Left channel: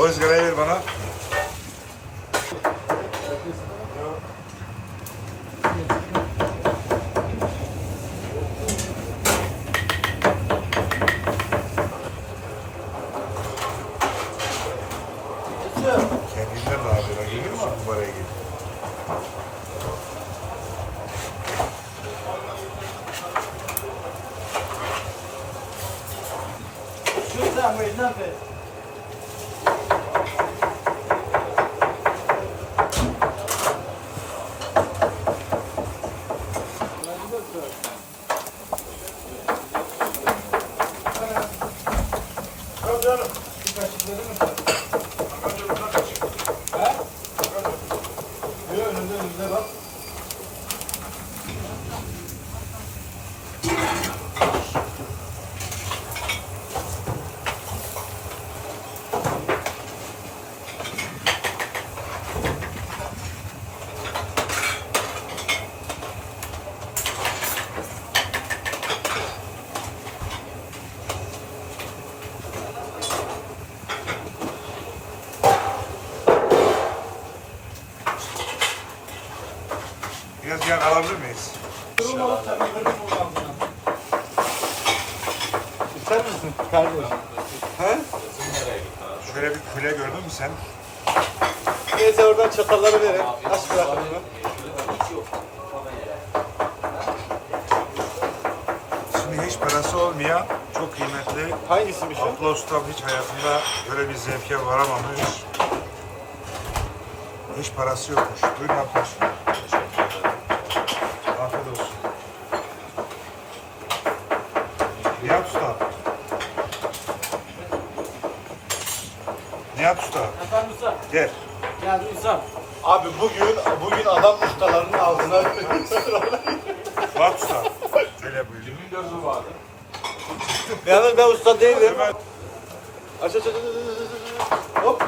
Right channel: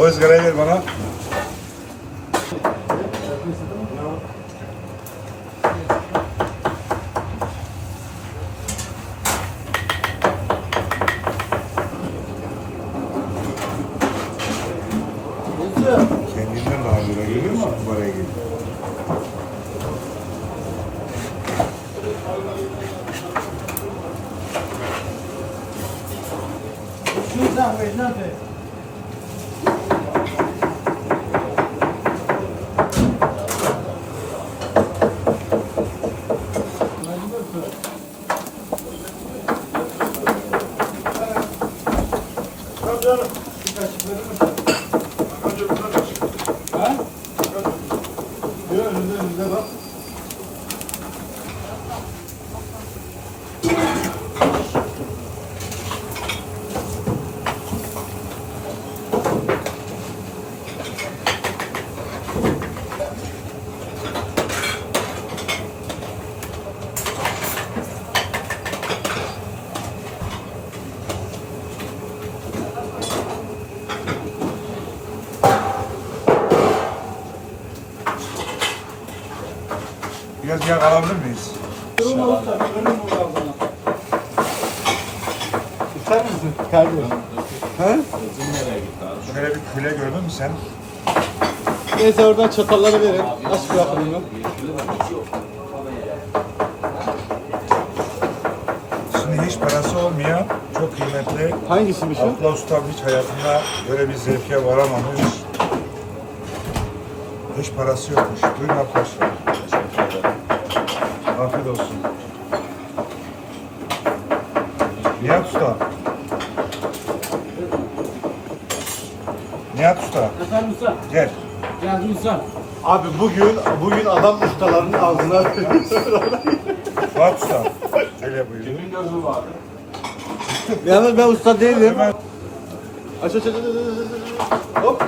O ızgarayı ver bana. Kendinden daha güzel geliyor musun numaraya geliyor? Biraz yağ alabilir miyiz? İster misin? Kardeşim. He? Şöyle bir küle gördün mü sen? Neyse oradan çatalları verin. Aşk yakınından. Şimdi hiç parası olmayan, çok kıymetli. Hangisiymiş o? Abla ustam hiç hayatında böyle bir zevke varamamış. Hiç parası yokmuş. Buyurun arkadaşlar. Afiyet olsun. Nihat Usta. Nihat Usta. Efendim usta. Gel. Geldim usta. Abi bugün, bugün adam ustalarının ağzından Fuat Usta. Öyle buyurun. Yalnız ben usta değilim. Hemen aç, aç. Hop.